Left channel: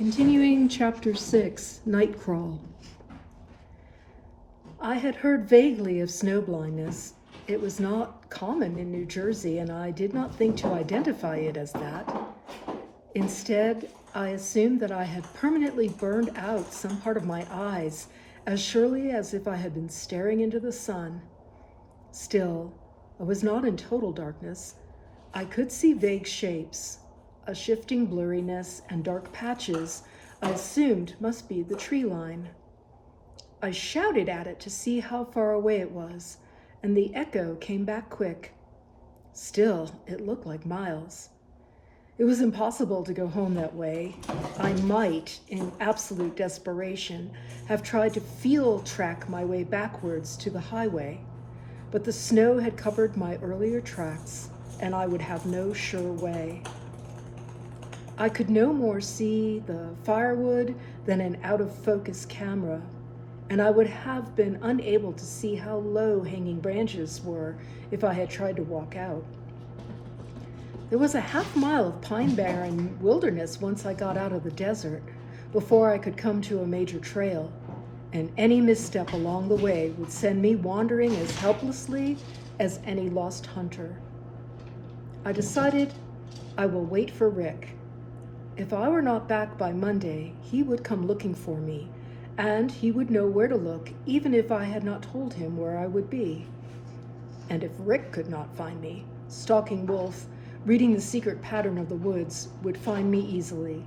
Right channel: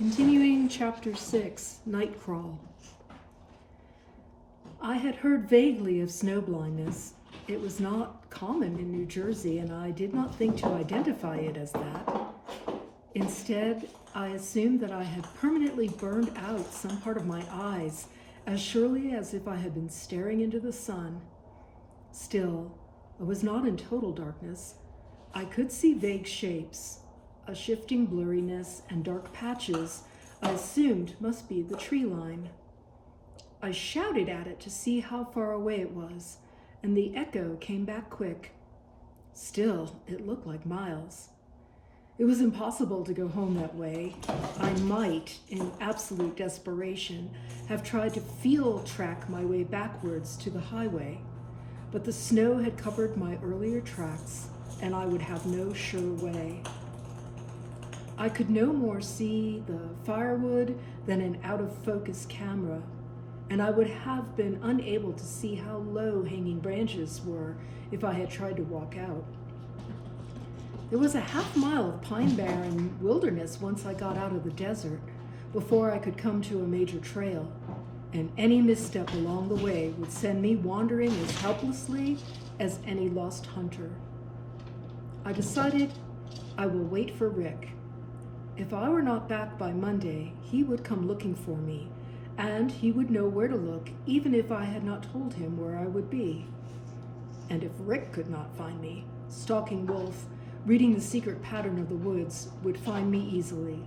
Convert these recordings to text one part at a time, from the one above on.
Continuing Chapter 6, Night Crawl. I had heard vaguely of snow blindness. It was not common in New Jersey, and I did not think to identify it as that. Instead, I assumed that I had permanently burned out some part of my eyes, as surely as if I had been staring into the sun. Still, I was not in total darkness. I could see vague shapes. A shifting blurriness and dark patches I assumed must be the tree line. I shouted at it to see how far away it was, and the echo came back quick. Still, it looked like miles. It was impossible to go home that way. I might, in absolute desperation, have tried to field track my way backwards to the highway, but the snow had covered my earlier tracks, and I would have no sure way. I could no more see the firewood than an out-of-focus camera, and I would have been unable to see how low hanging branches were if I had tried to walk out. There was a half-mile of pine-barren wilderness once I got out of the desert, before I could come to a major trail, and any misstep along the way would send me wandering as helplessly as any lost hunter. I decided I will wait for Rick. If I were not back by Monday, he would come looking for me, and he would know where to look, even if I had not told him where I would be. And if Rick could not find me, stalking wolf, reading the secret pattern of the woods, would find me easily.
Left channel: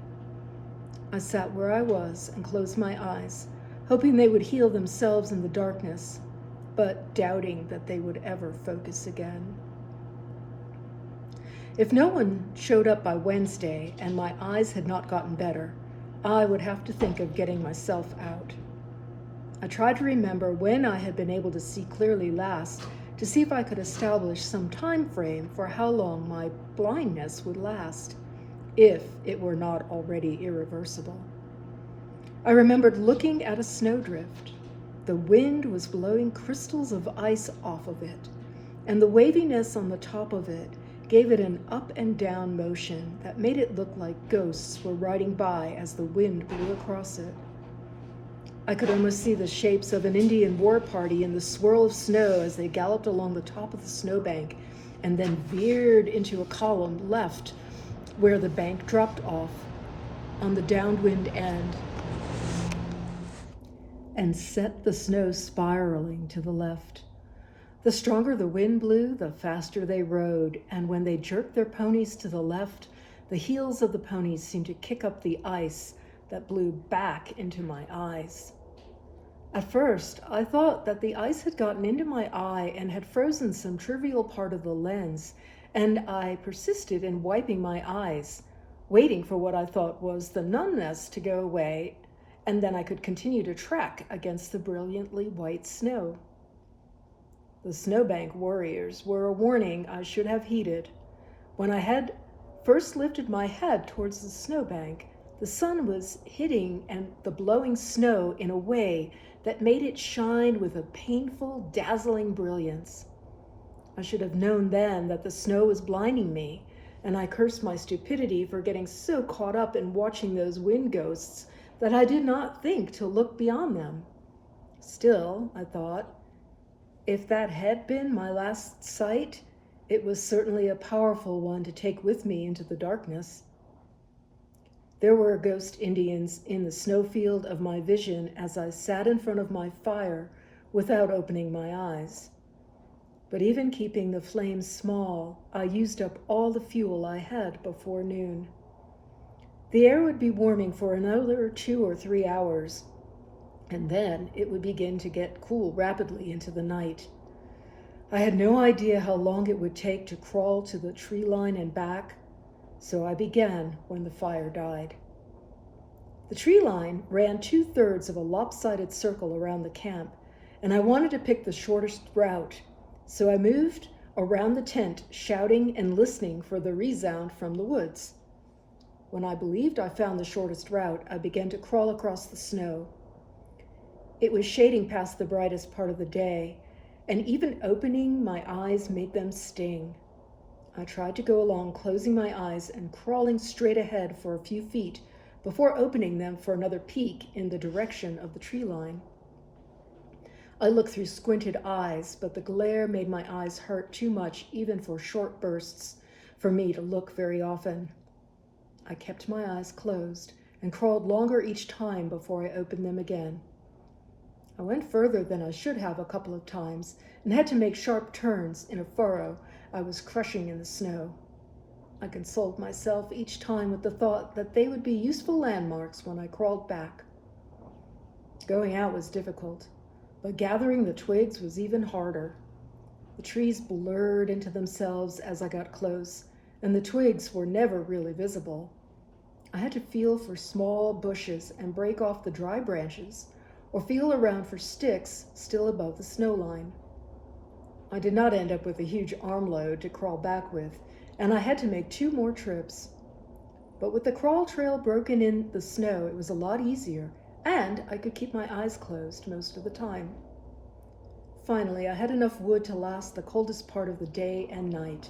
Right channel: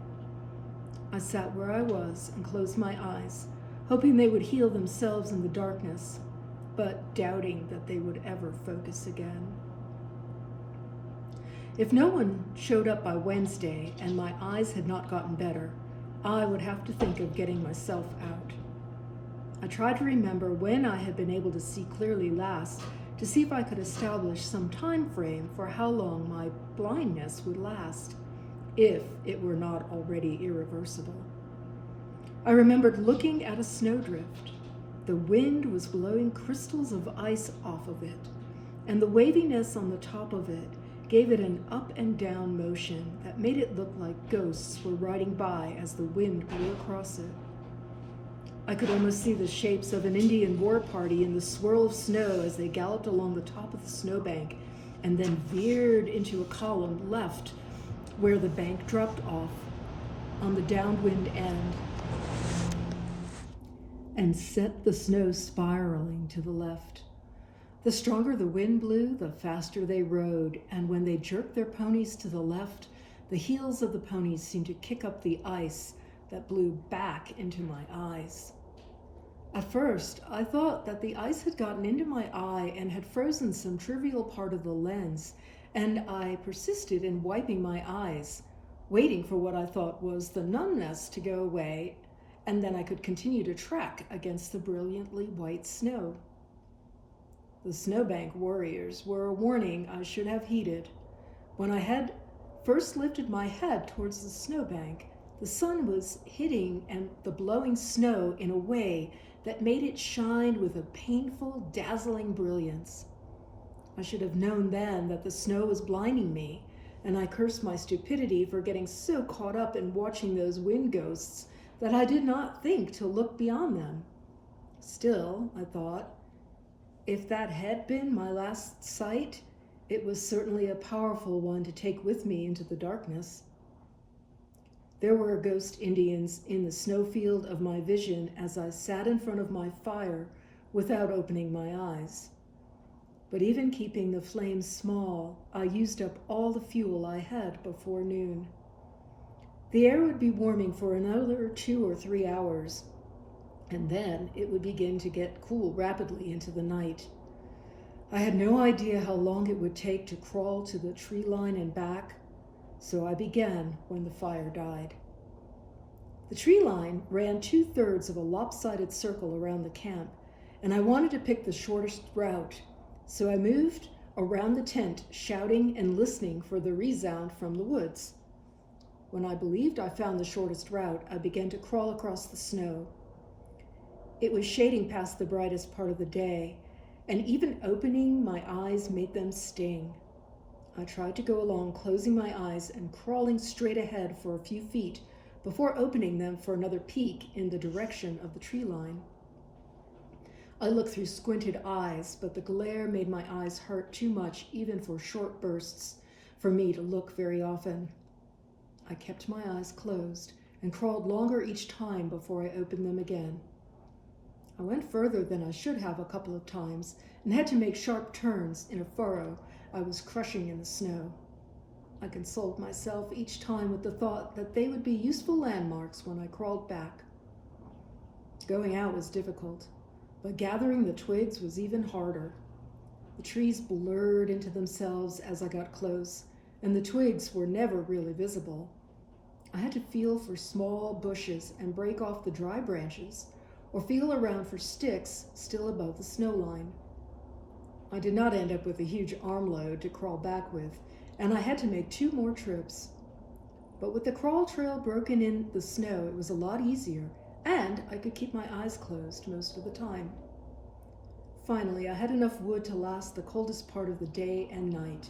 I sat where I was and closed my eyes, hoping they would heal themselves in the darkness, but doubting that they would ever focus again. If no one showed up by Wednesday and my eyes had not gotten better, I would have to think of getting myself out. I tried to remember when I had been able to see clearly last, to see if I could establish some time frame for how long my blindness would last, if it were not already irreversible. I remembered looking at a snowdrift. The wind was blowing crystals of ice off of it, and the waviness on the top of it gave it an up and down motion that made it look like ghosts were riding by as the wind blew across it. I could almost see the shapes of an Indian war party in the swirl of snow as they galloped along the top of the snowbank and then veered into a column left where the bank dropped off on the downwind end and set the snow spiraling to the left. The stronger the wind blew, the faster they rode, and when they jerked their ponies to the left, the heels of the ponies seemed to kick up the ice that blew back into my eyes. At first, I thought that the ice had gotten into my eye and had frozen some trivial part of the lens, and I persisted in wiping my eyes, waiting for what I thought was the numbness to go away, and then I could continue to track against the brilliantly white snow. The snowbank warriors were a warning I should have heeded. When I had first lifted my head towards the snowbank, the sun was hitting and the blowing snow in a way that made it shine with a painful, dazzling brilliance. I should have known then that the snow was blinding me, and I cursed my stupidity for getting so caught up in watching those wind ghosts that I did not think to look beyond them. Still, I thought, if that had been my last sight, it was certainly a powerful one to take with me into the darkness. There were ghost Indians in the snowfield of my vision as I sat in front of my fire without opening my eyes. But even keeping the flames small, I used up all the fuel I had before noon. The air would be warming for another 2 or 3 hours, and then it would begin to get cool rapidly into the night. I had no idea how long it would take to crawl to the tree line and back, so I began when the fire died. The tree line ran 2/3 of a lopsided circle around the camp, and I wanted to pick the shortest route, so I moved around the tent, shouting and listening for the resound from the woods. When I believed I found the shortest route, I began to crawl across the snow. It was shading past the brightest part of the day, and even opening my eyes made them sting. I tried to go along, closing my eyes and crawling straight ahead for a few feet before opening them for another peek in the direction of the tree line. I looked through squinted eyes, but the glare made my eyes hurt too much, even for short bursts, for me to look very often. I kept my eyes closed and crawled longer each time before I opened them again. I went further than I should have a couple of times and had to make sharp turns in a furrow I was crushing in the snow. I consoled myself each time with the thought that they would be useful landmarks when I crawled back. Going out was difficult, but gathering the twigs was even harder. The trees blurred into themselves as I got close, and the twigs were never really visible. I had to feel for small bushes and break off the dry branches, or feel around for sticks still above the snow line. I did not end up with a huge armload to crawl back with, and I had to make 2 more trips. But with the crawl trail broken in the snow, it was a lot easier, and I could keep my eyes closed most of the time. Finally, I had enough wood to last the coldest part of the day and night.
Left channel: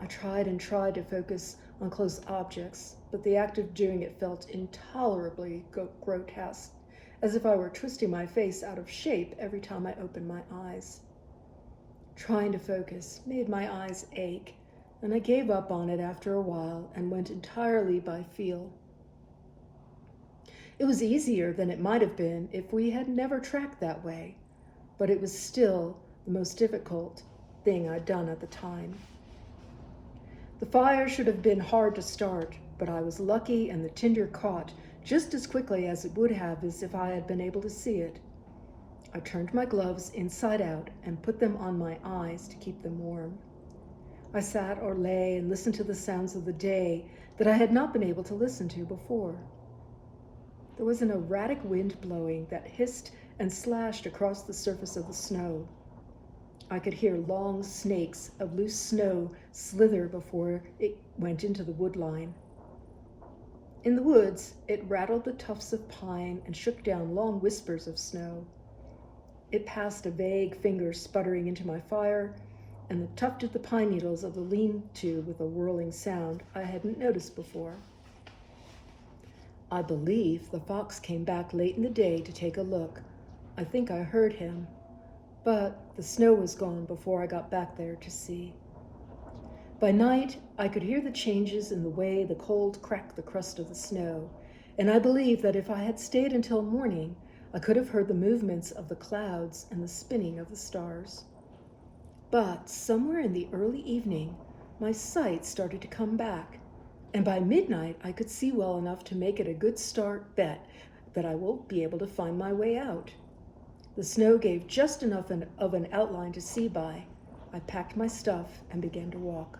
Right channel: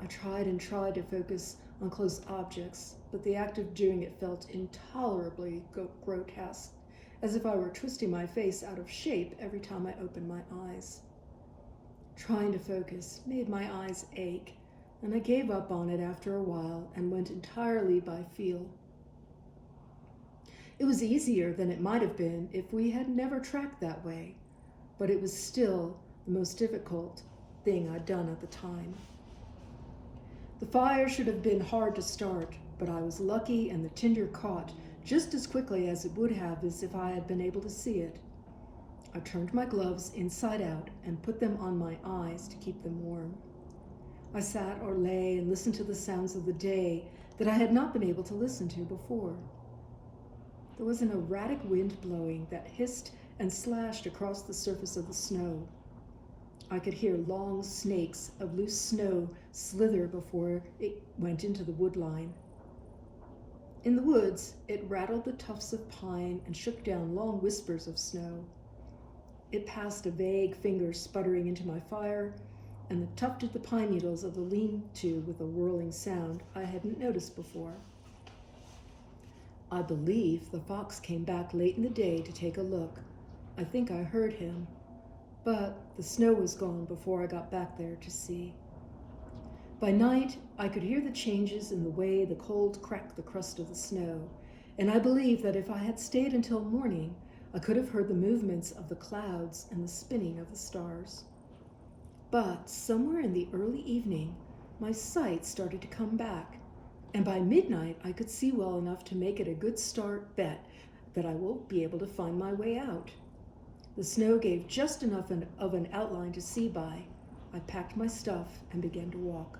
I tried and tried to focus on close objects, but the act of doing it felt intolerably grotesque, as if I were twisting my face out of shape every time I opened my eyes. Trying to focus made my eyes ache, and I gave up on it after a while and went entirely by feel. It was easier than it might have been if we had never tracked that way, but it was still the most difficult thing I'd done at the time. The fire should have been hard to start, but I was lucky and the tinder caught just as quickly as it would have as if I had been able to see it. I turned my gloves inside out and put them on my eyes to keep them warm. I sat or lay and listened to the sounds of the day that I had not been able to listen to before. There was an erratic wind blowing that hissed and slashed across the surface of the snow. I could hear long snakes of loose snow slither before it went into the wood line. In the woods, it rattled the tufts of pine and shook down long whispers of snow. It passed a vague finger sputtering into my fire, and tufted the pine needles of the lean-to with a whirling sound I hadn't noticed before. I believe the fox came back late in the day to take a look. I think I heard him, but the snow was gone before I got back there to see. By night, I could hear the changes in the way the cold cracked the crust of the snow, and I believe that if I had stayed until morning, I could have heard the movements of the clouds and the spinning of the stars. But somewhere in the early evening, my sight started to come back, and by midnight I could see well enough to make it a good start bet that I will be able to find my way out. The snow gave just enough of an outline to see by. I packed my stuff and began to walk.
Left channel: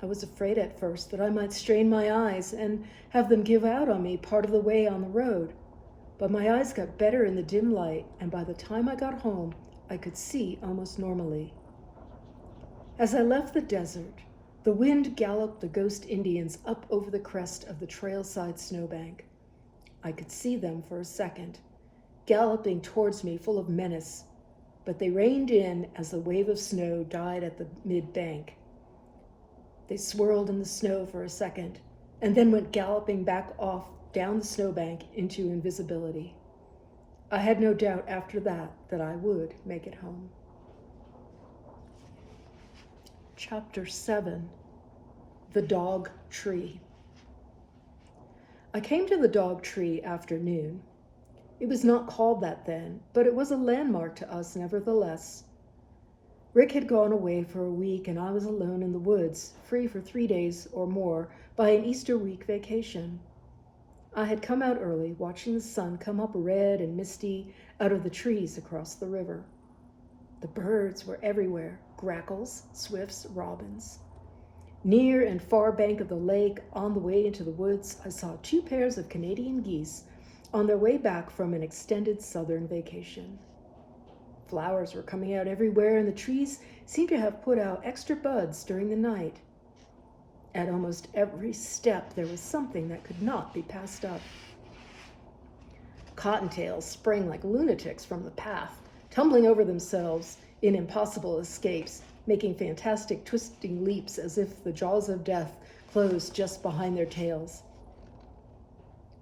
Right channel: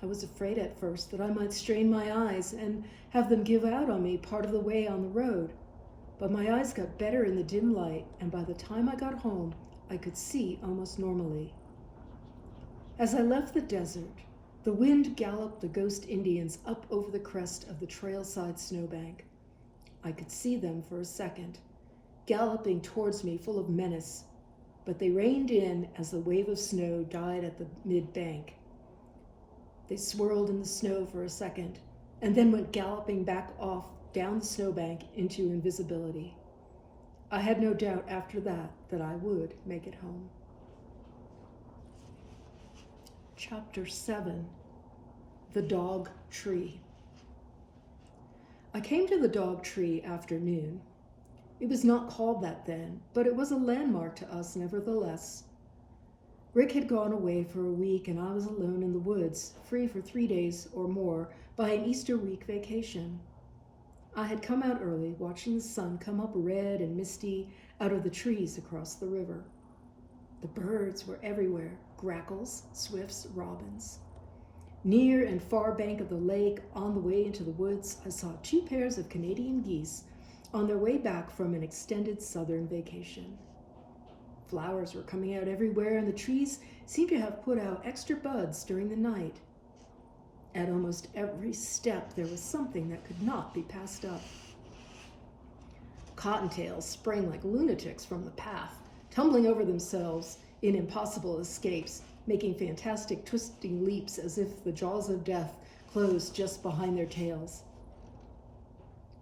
I was afraid at first that I might strain my eyes and have them give out on me part of the way on the road, but my eyes got better in the dim light, and by the time I got home, I could see almost normally. As I left the desert, the wind galloped the ghost Indians up over the crest of the trailside snowbank. I could see them for a second, galloping towards me full of menace, but they reined in as the wave of snow died at the mid-bank. They swirled in the snow for a second, and then went galloping back off down the snowbank into invisibility. I had no doubt after that I would make it home. Chapter 7, The Dog Tree. I came to the dog tree after noon. It was not called that then, but it was a landmark to us nevertheless. Rick had gone away for a week, and I was alone in the woods, free for 3 days or more by an Easter week vacation. I had come out early, watching the sun come up red and misty out of the trees across the river. The birds were everywhere, grackles, swifts, robins. Near and far bank of the lake, on the way into the woods, I saw 2 pairs of Canadian geese on their way back from an extended southern vacation. Flowers were coming out everywhere, and the trees seemed to have put out extra buds during the night. At almost every step, there was something that could not be passed up. Cottontails sprang like lunatics from the path, tumbling over themselves in impossible escapes, making fantastic twisting leaps as if the jaws of death closed just behind their tails.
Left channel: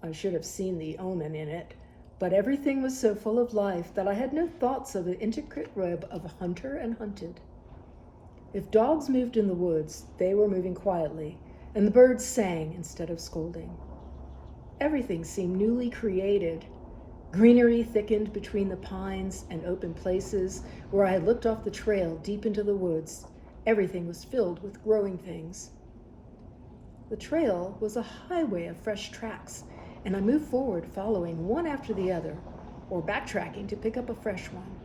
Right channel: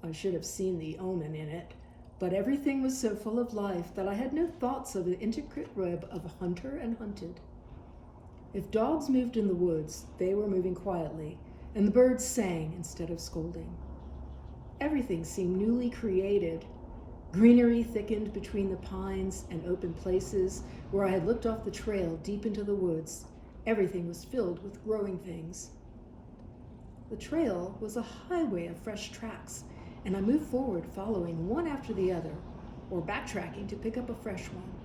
I should have seen the omen in it, but everything was so full of life that I had no thoughts of the intricate web of hunter and hunted. If dogs moved in the woods, they were moving quietly, and the birds sang instead of scolding. Everything seemed newly created. Greenery thickened between the pines and open places where I had looked off the trail deep into the woods. Everything was filled with growing things. The trail was a highway of fresh tracks, and I moved forward following one after the other, or backtracking to pick up a fresh one.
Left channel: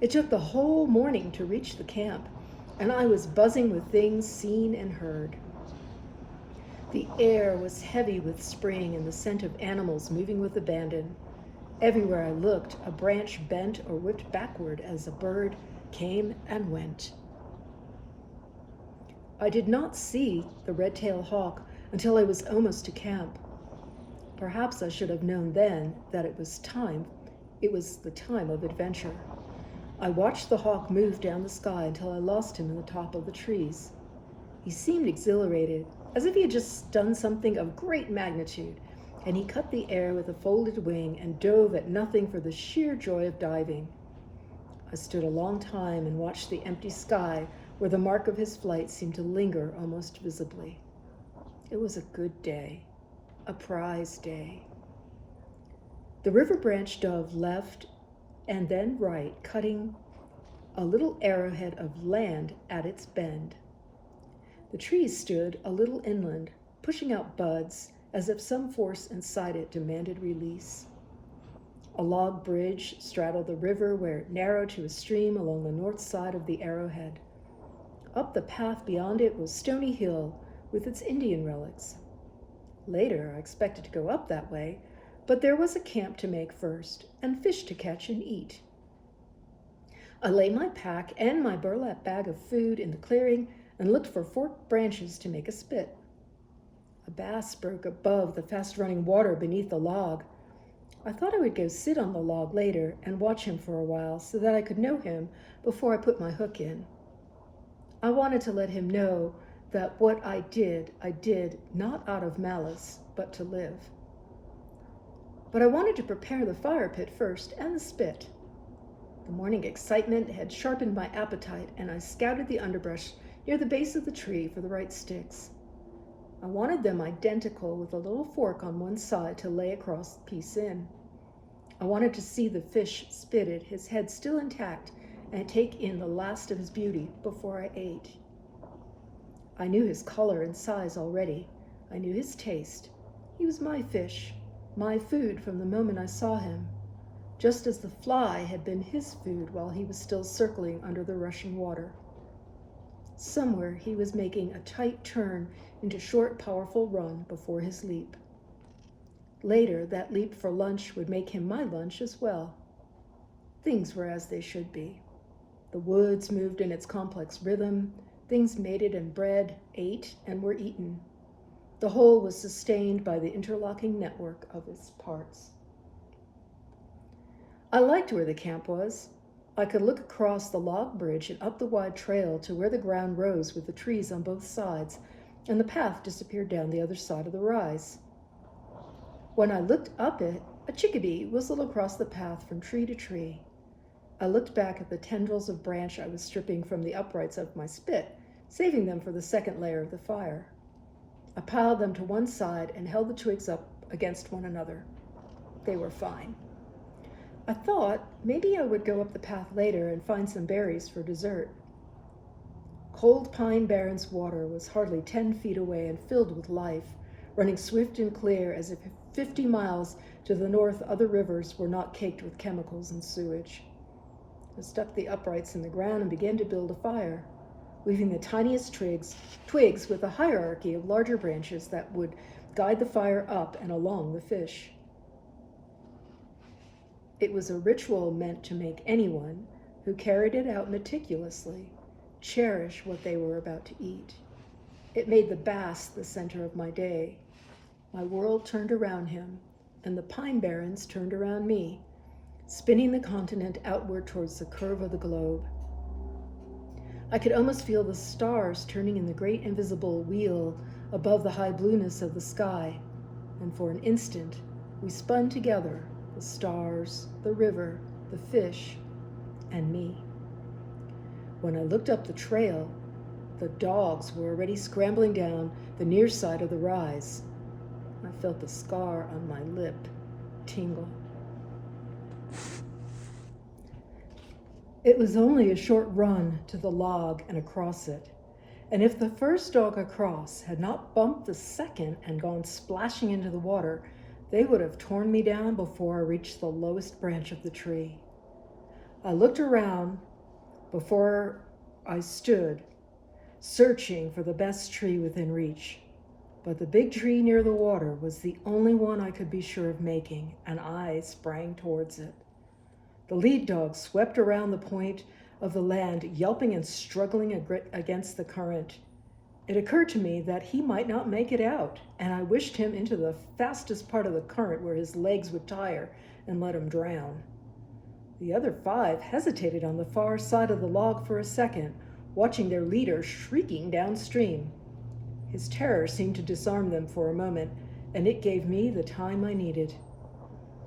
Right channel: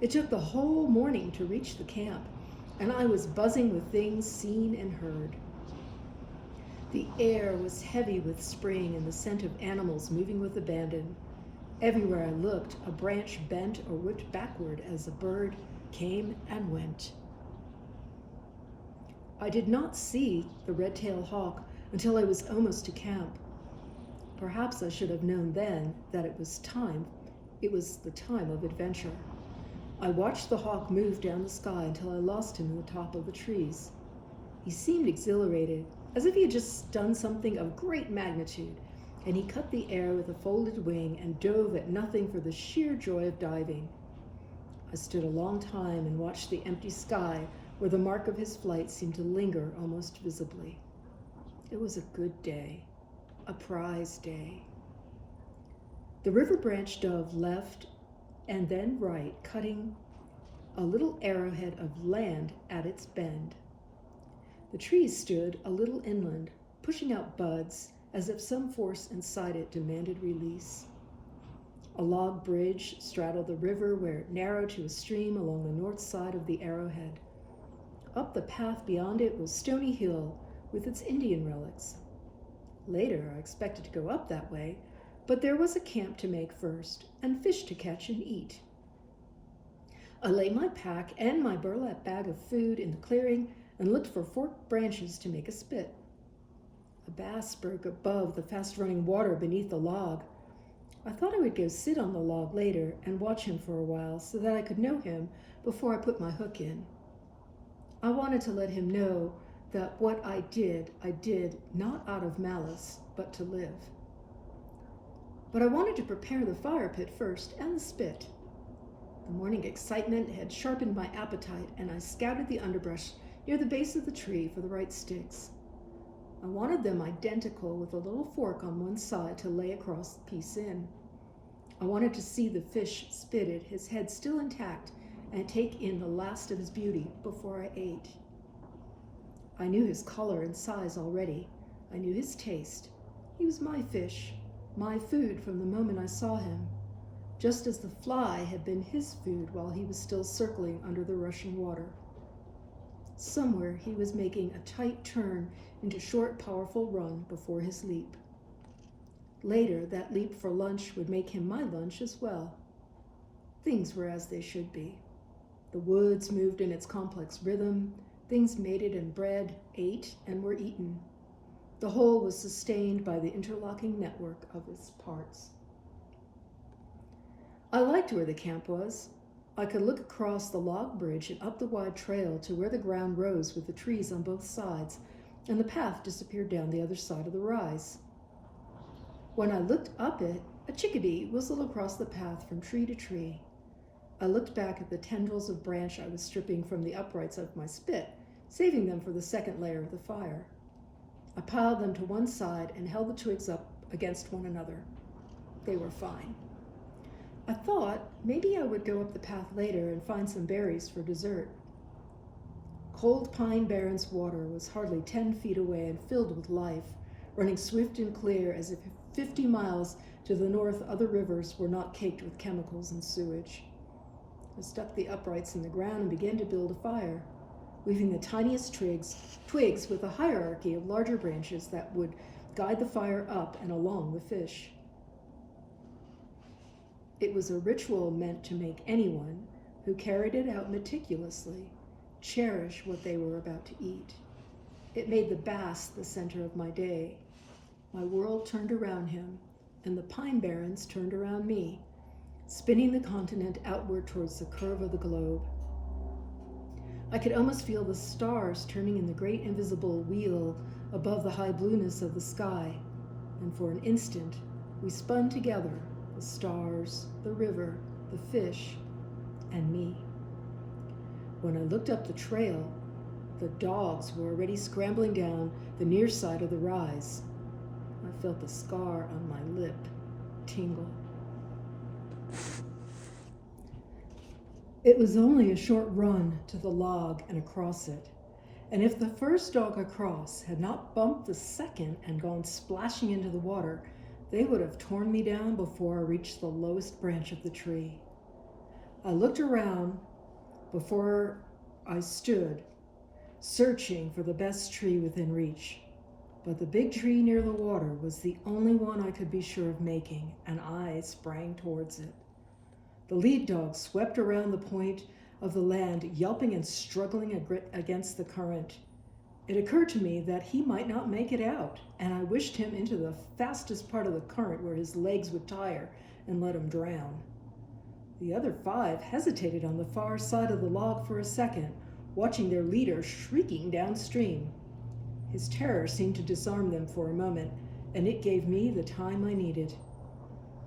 It took the whole morning to reach the camp, and I was buzzing with things seen and heard. The air was heavy with spring and the scent of animals moving with abandon. Everywhere I looked, a branch bent or whipped backward as a bird came and went. I did not see the red-tailed hawk until I was almost to camp. Perhaps I should have known then that it was the time of adventure. I watched the hawk move down the sky until I lost him in the top of the trees. He seemed exhilarated, as if he had just done something of great magnitude, and he cut the air with a folded wing and dove at nothing for the sheer joy of diving. I stood a long time and watched the empty sky where the mark of his flight seemed to linger almost visibly. It was a good day, a prize day. The river branch dove left and then right, cutting a little arrowhead of land at its bend. The trees stood a little inland, pushing out buds as if some force inside it demanded release. A log bridge straddled the river where it narrowed to a stream along the north side of the arrowhead. Up the path beyond it was Stony Hill with its Indian relics. Later, I expected to go up that way, but there was a camp to make first and fish to catch and eat. I laid my pack and my burlap bag of food in the clearing and looked for forked branches to make a spit. A bass broke above the fast-running water beneath the log. I thought I would go sit on the log later and watch him for a while so that I could know him before I put my hook in. I wanted to let him know that what I did not out of malice, but to live. But I wanted to prepare the fire pit first and the spit. The morning excitement had sharpened my appetite, and I scouted the underbrush near the base of the tree for the right sticks. I wanted them identical with a little fork on one side to lay across the piece in. I wanted to see the fish spitted, his head still intact, and take in the last of his beauty before I ate. I knew his color and size already. I knew his taste. He was my fish, my food from the moment I saw him, just as the fly had been his food while he was still circling under the rushing water. Somewhere he was making a tight turn into short, powerful run before his leap. Later, that leap for lunch would make him my lunch as well. Things were as they should be. The woods moved in its complex rhythm. Things mated and bred, ate, and were eaten. The whole was sustained by the interlocking network of its parts. I liked where the camp was. I could look across the log bridge and up the wide trail to where the ground rose with the trees on both sides, and the path disappeared down the other side of the rise. When I looked up it, a chickadee whistled across the path from tree to tree. I looked back at the tendrils of branch I was stripping from the uprights of my spit, saving them for the second layer of the fire. I piled them to one side and held the twigs up against one another. They were fine. I thought maybe I would go up the path later and find some berries for dessert. Cold Pine Barrens water was hardly 10 feet away and filled with life, running swift and clear as if 50 miles to the north other rivers were not caked with chemicals and sewage. I stuck the uprights in the ground and began to build a fire, weaving the tiniest twigs with a hierarchy of larger branches that would guide the fire up and along the fish. It was a ritual meant to make anyone who carried it out meticulously cherish what they were about to eat. It made the bass the center of my day. My world turned around him, and the pine barrens turned around me, spinning the continent outward towards the curve of the globe. I could almost feel the stars turning in the great invisible wheel above the high blueness of the sky. and for an instant we spun together, the stars, the river, the fish, and me. When I looked up the trail, the dogs were already scrambling down the near side of the rise. I felt the scar on my lip tingle. It was only a short run to the log and across it, and if the first dog across had not bumped the second and gone splashing into the water, they would have torn me down before I reached the lowest branch of the tree. I looked around before I stood, searching for the best tree within reach. But the big tree near the water was the only one I could be sure of making, and I sprang towards it. The lead dog swept around the point of the land, yelping and struggling against the current. It occurred to me that he might not make it out, and I wished him into the fastest part of the current where his legs would tire and let him drown. The other 5 hesitated on the far side of the log for a second, watching their leader shrieking downstream. His terror seemed to disarm them for a moment, and it gave me the time I needed.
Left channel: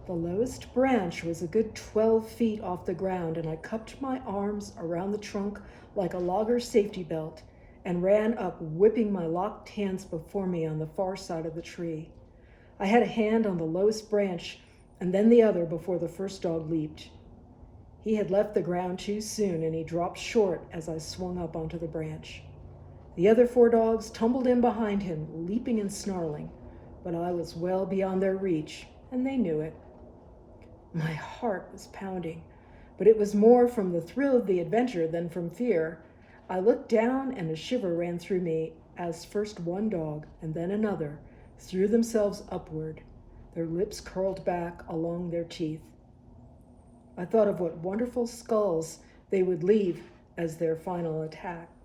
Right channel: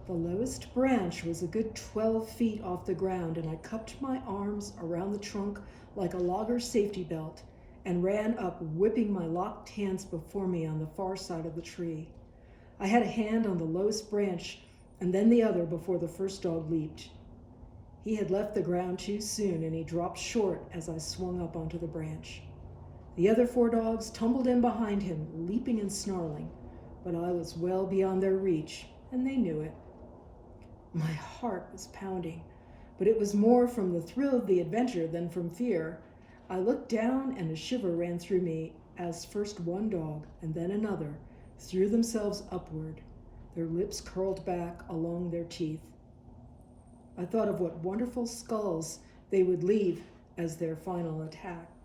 The lowest branch was a good 12 feet off the ground, and I cupped my arms around the trunk like a logger's safety belt and ran up, whipping my locked hands before me on the far side of the tree. I had a hand on the lowest branch and then the other before the first dog leaped. He had left the ground too soon, and he dropped short as I swung up onto the branch. The other 4 dogs tumbled in behind him, leaping and snarling, but I was well beyond their reach, and they knew it. My heart was pounding, but it was more from the thrill of the adventure than from fear. I looked down, and a shiver ran through me as first one dog and then another threw themselves upward, their lips curled back along their teeth. I thought of what wonderful skulls they would leave as their final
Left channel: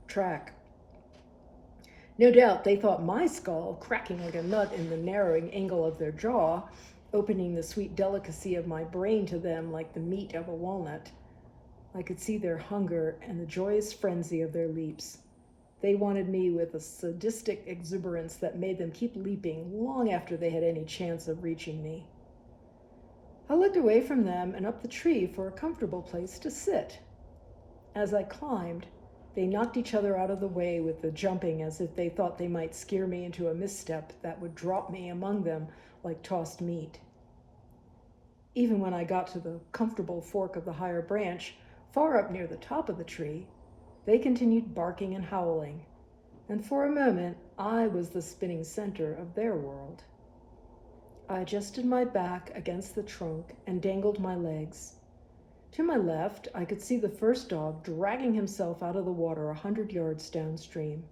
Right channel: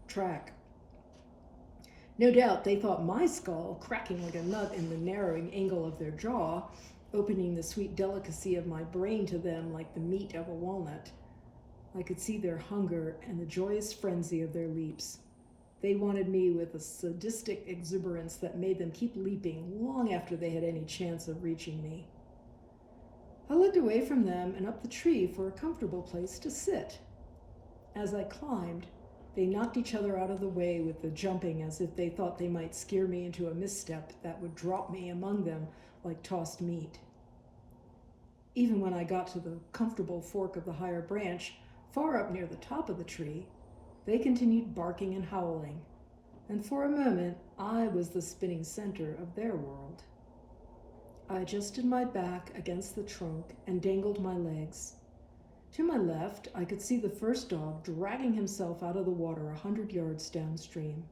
track. No doubt they thought my skull, cracking like a nut in the narrowing angle of their jaw, opening the sweet delicacy of my brain to them like the meat of a walnut. I could see their hunger and the joyous frenzy of their leaps. They wanted me with a sadistic exuberance that made them keep leaping long after they had any chance of reaching me. I looked away from them and up the tree for a comfortable place to sit. As I climbed, they knocked each other out of the way with the jumping as if they thought they might scare me into a misstep that would drop me among them like tossed meat. Even when I got to the comfortable fork of the higher branch, far up near the top of the tree, they continued barking and howling, and for a moment I was the spinning center of their world. I adjusted my back against the trunk and dangled my legs. To my left, I could see the first dog dragging himself out of the water 100 yards downstream.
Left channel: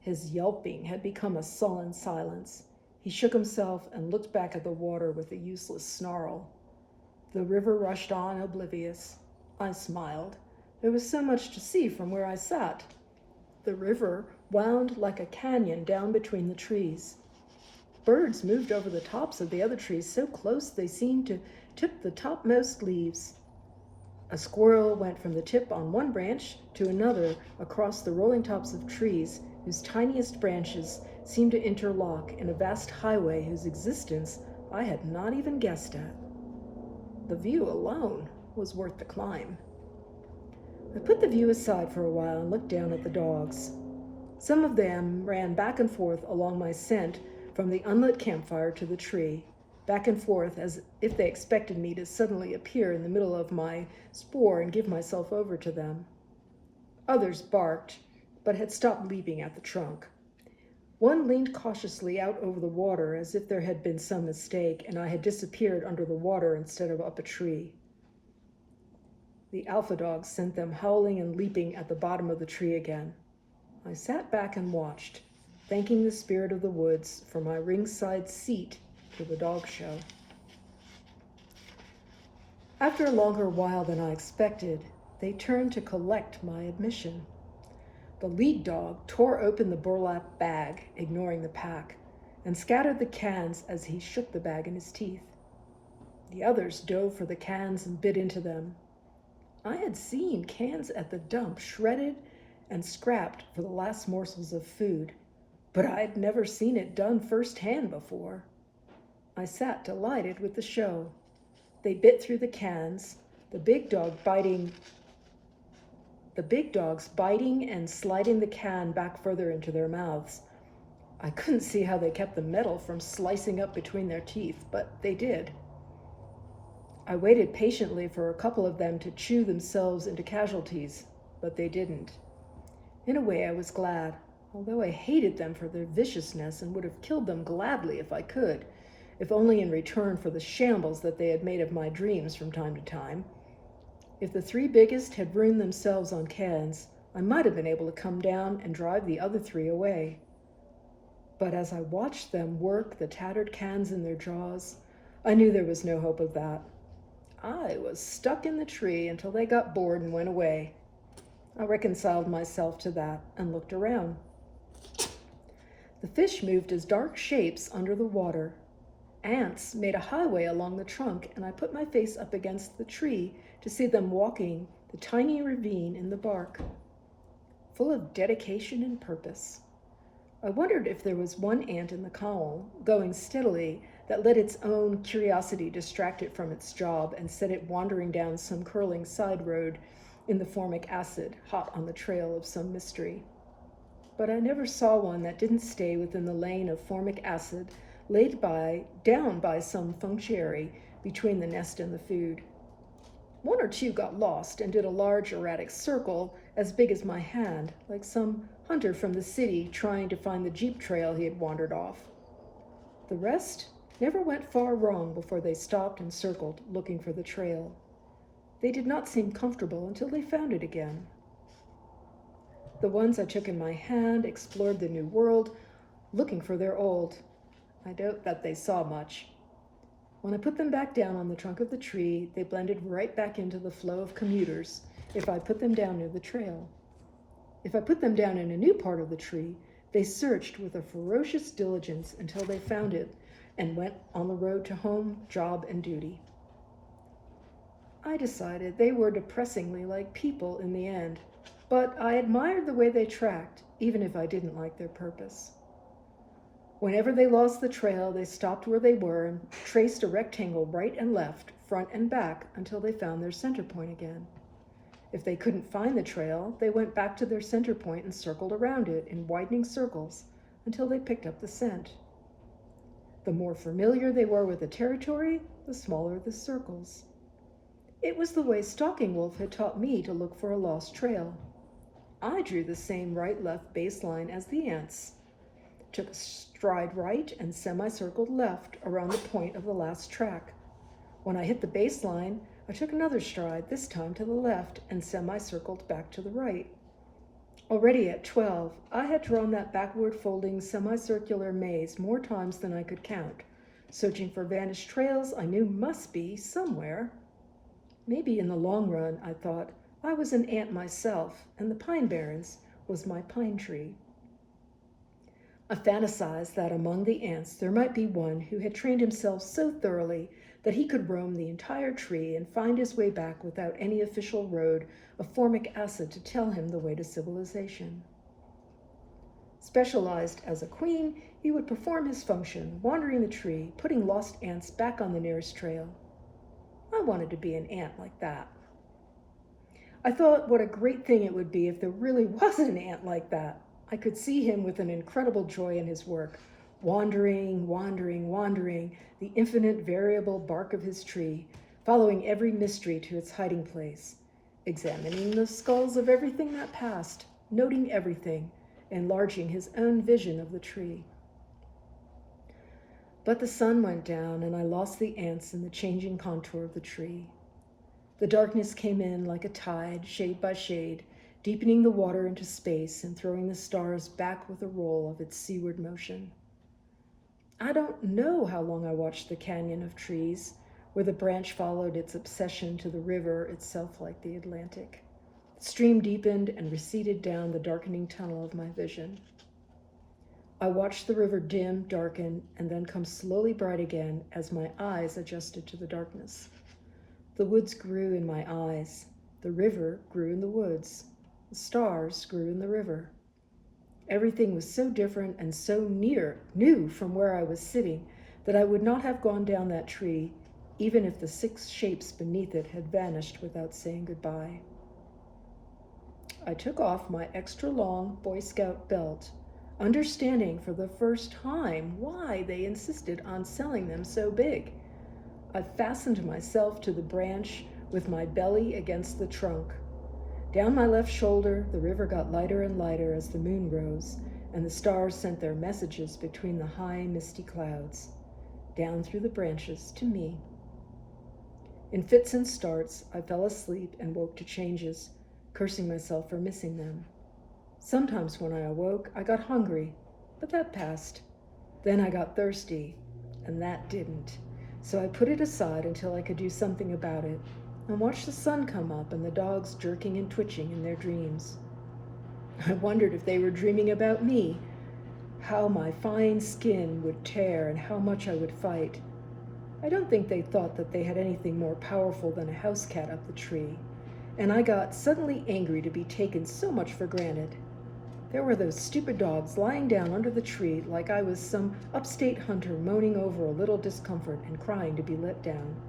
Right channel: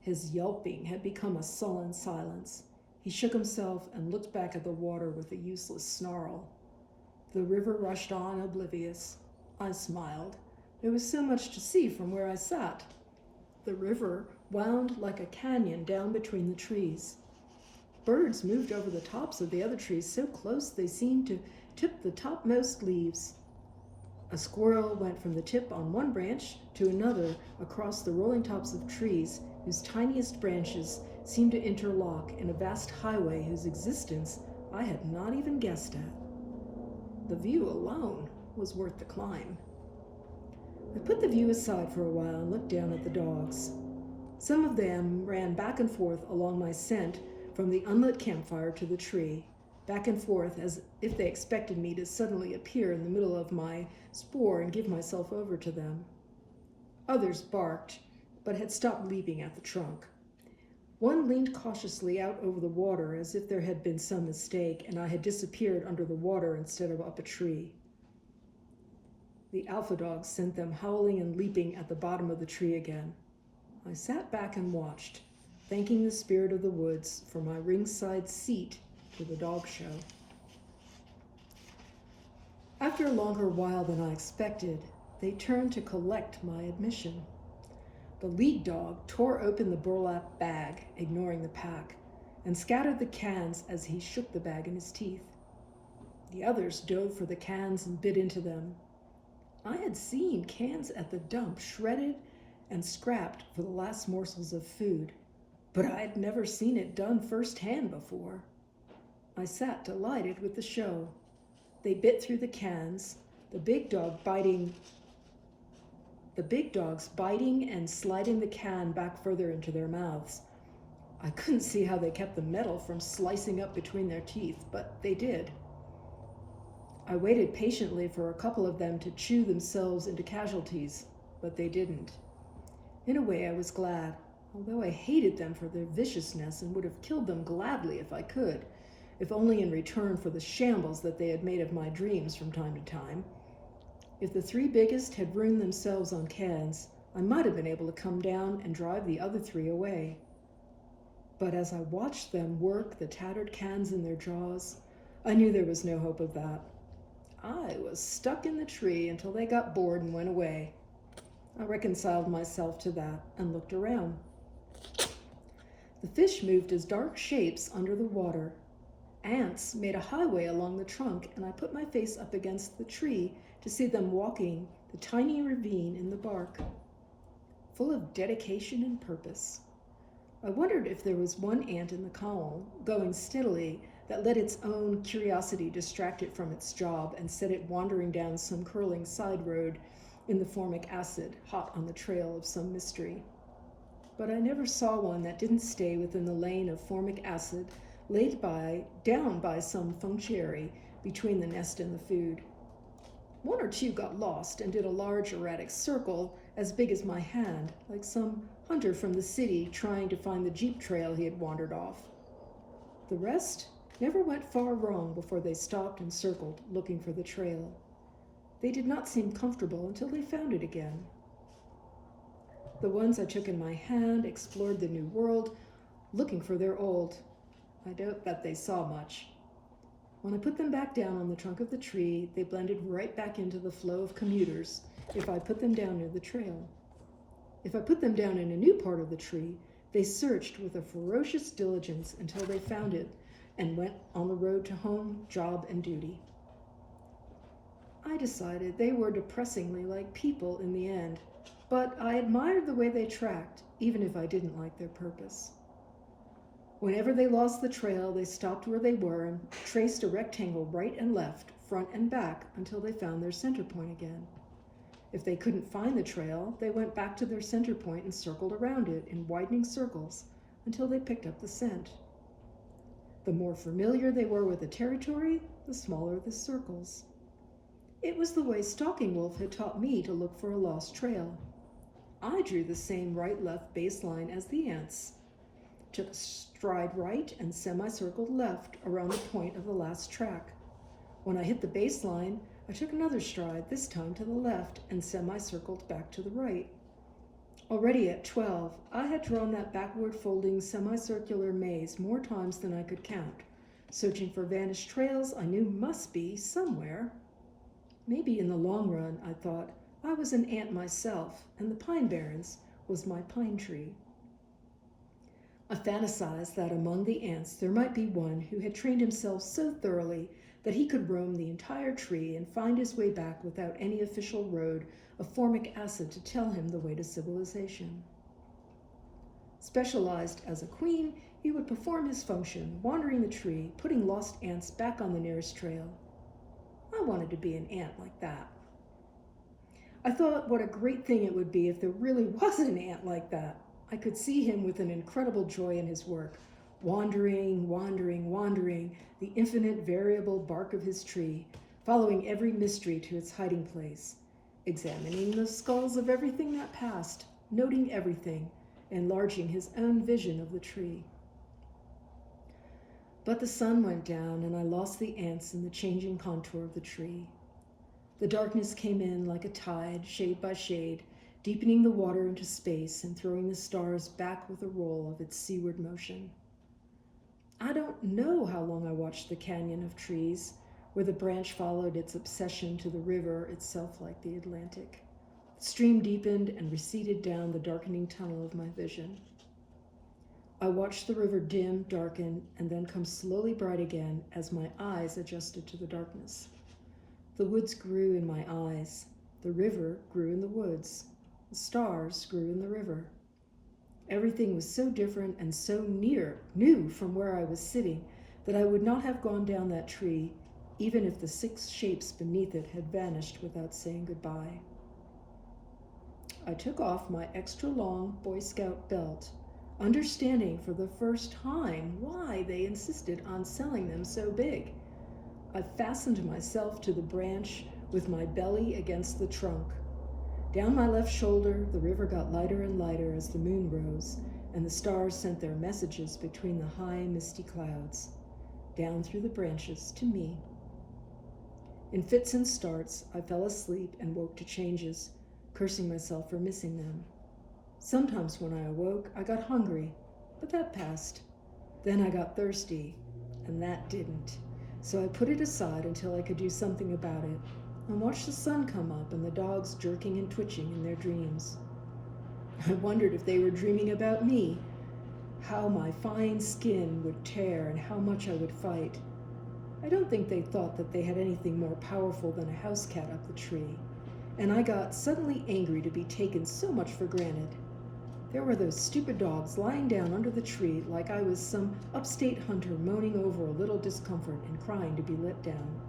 His yelping had become a sullen silence. He shook himself and looked back at the water with a useless snarl. The river rushed on oblivious. I smiled. There was so much to see from where I sat. The river wound like a canyon down between the trees. Birds moved over the tops of the other trees so close they seemed to tip the topmost leaves. A squirrel went from the tip on one branch to another across the rolling tops of trees whose tiniest branches seemed to interlock in a vast highway whose existence I had not even guessed at. The view alone was worth the climb. I put the view aside for a while and looked down at the dogs. Some of them ran back and forth along my scent from the unlit campfire to the tree, back and forth as if they expected me to suddenly appear in the middle of my spoor and give myself over to them. Others barked, but had stopped leaping at the trunk. One leaned cautiously out over the water as if there had been some mistake and I had disappeared under the water instead of up a tree. The alpha dog sent them howling and leaping at the bottom of the tree again. I sat back and watched, thanking the spirit of the woods for my ringside seat to the dog show. After a longer while than I expected, they turned to collect my admission. The lead dog tore open the burlap bag, ignoring the pack, and scattered the cans as he shook the bag in his teeth. The others dove for the cans and bit into them. I had seen cans at the dump shredded and scrapped for the last morsels of food, but I'd never seen it done firsthand before. I sat delighted with the show. They bit through the cans, the big dogs biting and sliding the can back further into their mouths. I couldn't see how they kept the metal from slicing up between their teeth, but they did. I waited patiently for a couple of them to chew themselves into casualties, but they didn't. In a way, I was glad, although I hated them for their viciousness and would have killed them gladly if I could, if only in return for the shambles that they had made of my dreams from time to time. If the three biggest had ruined themselves on cans, I might have been able to come down and drive the other three away. But as I watched them work the tattered cans in their jaws, I knew there was no hope of that. I was stuck in the tree until they got bored and went away. I reconciled myself to that and looked around. The fish moved as dark shapes under the water. Ants made a highway along the trunk, and I put my face up against the tree to see them walking the tiny ravine in the bark, full of dedication and purpose. I wondered if there was one ant in the column, going steadily, that let its own curiosity distract it from its job and set it wandering down some curling side road in the formic acid, hot on the trail of some mystery. But I never saw one that didn't stay within the lane of formic acid laid down by some functionary between the nest and the food. One or two got lost and did a large erratic circle as big as my hand, like some hunter from the city trying to find the jeep trail he had wandered off. The rest never went far wrong before they stopped and circled, looking for the trail. They did not seem comfortable until they found it again. The ones I took in my hand explored the new world, looking for their old. I doubt that they saw much. When I put them back down on the trunk of the tree, they blended right back into the flow of commuters if I put them down near the trail. If I put them down in a new part of the tree, they searched with a ferocious diligence until they found it and went on the road to home, job, and duty. I decided they were depressingly like people in the end, but I admired the way they tracked, even if I didn't like their purpose. Whenever they lost the trail, they stopped where they were and traced a rectangle right and left, front and back, until they found their center point again. If they couldn't find the trail, they went back to their center point and circled around it in widening circles until they picked up the scent. The more familiar they were with the territory, the smaller the circles. It was the way Stalking Wolf had taught me to look for a lost trail. I drew the same right-left baseline as the ants, took a stride right and semicircled left around the point of the last track. When I hit the baseline, I took another stride, this time to the left, and semicircled back to the right. Already at 12, I had drawn that backward-folding semicircular maze more times than I could count, searching for vanished trails I knew must be somewhere. Maybe in the long run, I thought, I was an ant myself, and the Pine Barrens was my pine tree. I fantasized that among the ants there might be one who had trained himself so thoroughly that he could roam the entire tree and find his way back without any official road of formic acid to tell him the way to civilization. Specialized as a queen, he would perform his function, wandering the tree, putting lost ants back on the nearest trail. I wanted to be an ant like that. I thought what a great thing it would be if there really was an ant like that. I could see him with an incredible joy in his work, wandering, the infinite variable bark of his tree, following every mystery to its hiding place, examining the skulls of everything that passed, noting everything, enlarging his own vision of the tree. But the sun went down and I lost the ants in the changing contour of the tree. The darkness came in like a tide, shade by shade, deepening the water into space and throwing the stars back with a roll of its seaward motion. I don't know how long I watched the canyon of trees, where the branch followed its obsession to the river itself like the Atlantic. The stream deepened and receded down the darkening tunnel of my vision. I watched the river dim, darken, and then come slowly bright again as my eyes adjusted to the darkness. The woods grew in my eyes. The river grew in the woods. The stars grew in the river. Everything was so different and so new from where I was sitting that I would not have gone down that tree, even if the 6 shapes beneath it had vanished without saying goodbye. I took off my extra long Boy Scout belt, understanding for the first time why they insisted on selling them so big. I fastened myself to the branch with my belly against the trunk. Down my left shoulder, the river got lighter and lighter as the moon rose, and the stars sent their messages between the high, misty clouds, down through the branches to me. In fits and starts, I fell asleep and woke to changes, cursing myself for missing them. Sometimes when I awoke, I got hungry, but that passed. Then I got thirsty, and that didn't. So I put it aside until I could do something about it, and watched the sun come up and the dogs jerking and twitching in their dreams. I wondered if they were dreaming about me, how my fine skin would tear and how much I would fight. I don't think they thought that they had anything more powerful than a house cat up the tree, and I got suddenly angry to be taken so much for granted. There were those stupid dogs lying down under the tree like I was some upstate hunter moaning over a little discomfort and crying to be let down.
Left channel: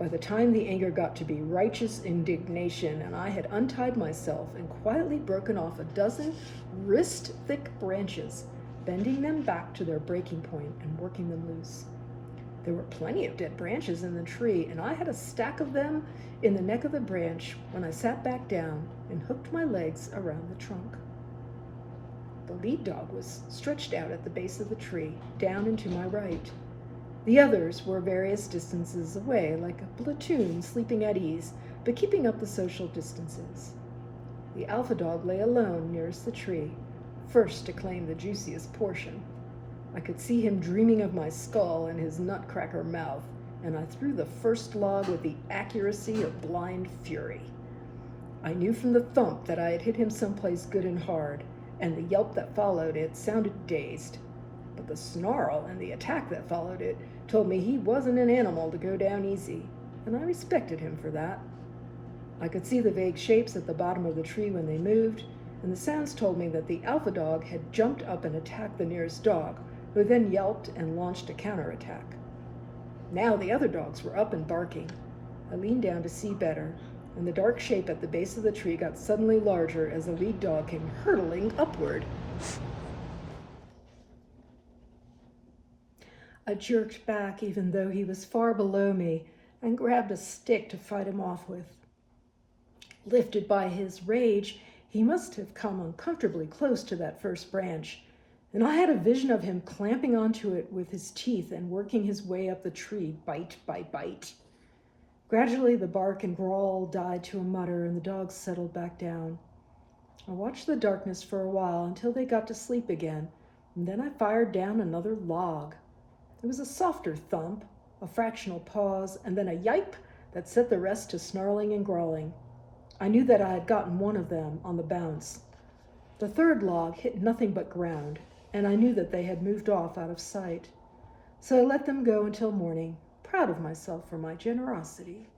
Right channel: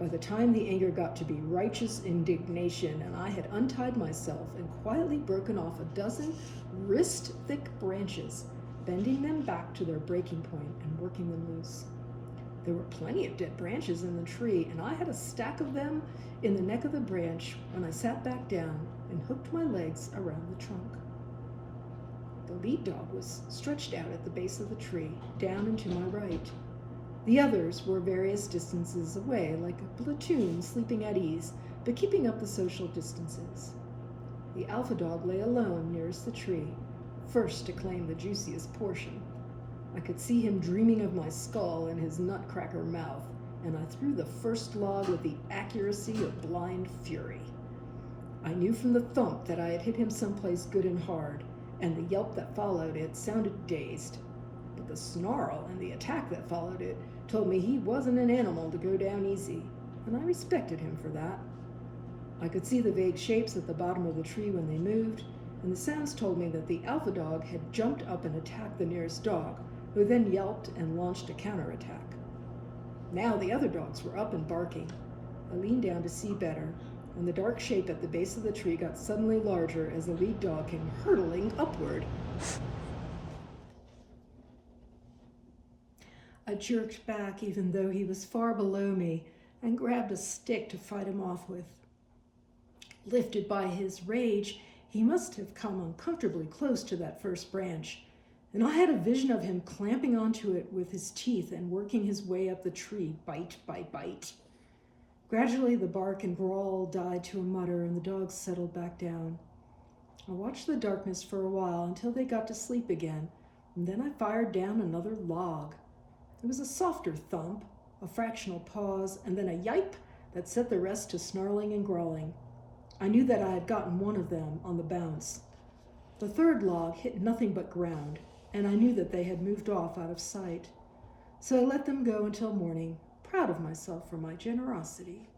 By the time the anger got to be righteous indignation, and I had untied myself and quietly broken off a dozen wrist-thick branches, bending them back to their breaking point and working them loose. There were plenty of dead branches in the tree, and I had a stack of them in the neck of the branch when I sat back down and hooked my legs around the trunk. The lead dog was stretched out at the base of the tree, down and to my right. The others were various distances away, like a platoon sleeping at ease, but keeping up the social distances. The alpha dog lay alone nearest the tree, first to claim the juiciest portion. I could see him dreaming of my skull in his nutcracker mouth, and I threw the first log with the accuracy of blind fury. I knew from the thump that I had hit him someplace good and hard, and the yelp that followed it sounded dazed. But the snarl and the attack that followed it told me he wasn't an animal to go down easy, and I respected him for that. I could see the vague shapes at the bottom of the tree when they moved, and the sounds told me that the alpha dog had jumped up and attacked the nearest dog, who then yelped and launched a counterattack. Now the other dogs were up and barking. I leaned down to see better, and the dark shape at the base of the tree got suddenly larger as the lead dog came hurtling upward. I jerked back even though he was far below me and grabbed a stick to fight him off with. Lifted by his rage, he must have come uncomfortably close to that first branch, and I had a vision of him clamping onto it with his teeth and working his way up the tree, bite by bite. Gradually, the bark and growl died to a mutter, and the dogs settled back down. I watched the darkness for a while until they got to sleep again, and then I fired down another log. It was a softer thump, a fractional pause, and then a yipe that set the rest to snarling and growling. I knew that I had gotten one of them on the bounce. The third log hit nothing but ground, and I knew that they had moved off out of sight. So I let them go until morning, proud of myself for my generosity.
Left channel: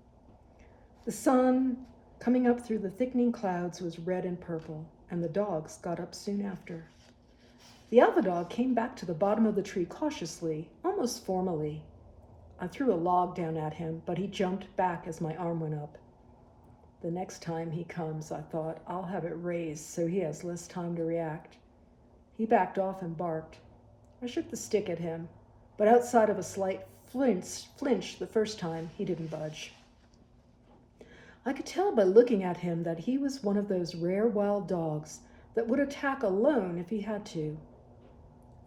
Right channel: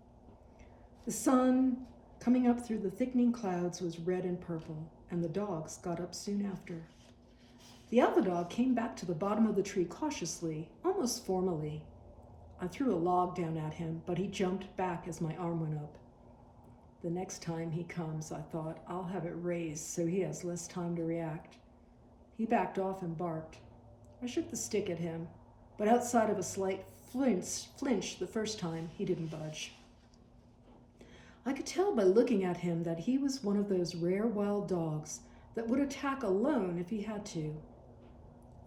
The sun, coming up through the thickening clouds, was red and purple, and the dogs got up soon after. The alpha dog came back to the bottom of the tree cautiously, almost formally. I threw a log down at him, but he jumped back as my arm went up. The next time he comes, I thought, I'll have it raised so he has less time to react. He backed off and barked. I shook the stick at him, but outside of a slight flinch the first time, he didn't budge. I could tell by looking at him that he was one of those rare wild dogs that would attack alone if he had to.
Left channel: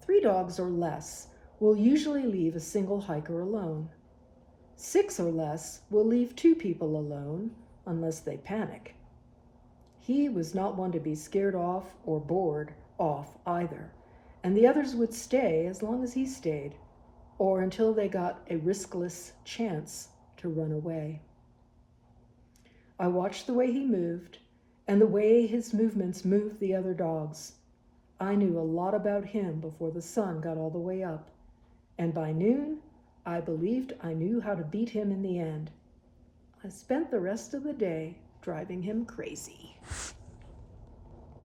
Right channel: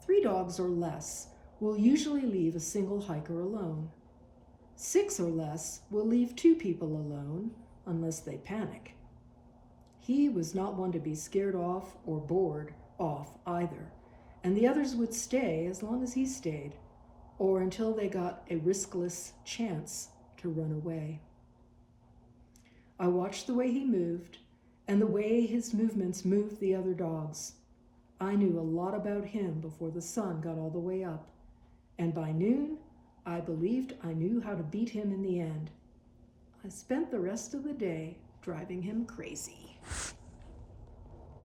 3 dogs or less will usually leave a single hiker alone. 6 or less will leave 2 people alone unless they panic. He was not one to be scared off or bored off either, and the others would stay as long as he stayed, or until they got a riskless chance to run away. I watched the way he moved and the way his movements moved the other dogs. I knew a lot about him before the sun got all the way up, and by noon, I believed I knew how to beat him in the end. I spent the rest of the day driving him crazy.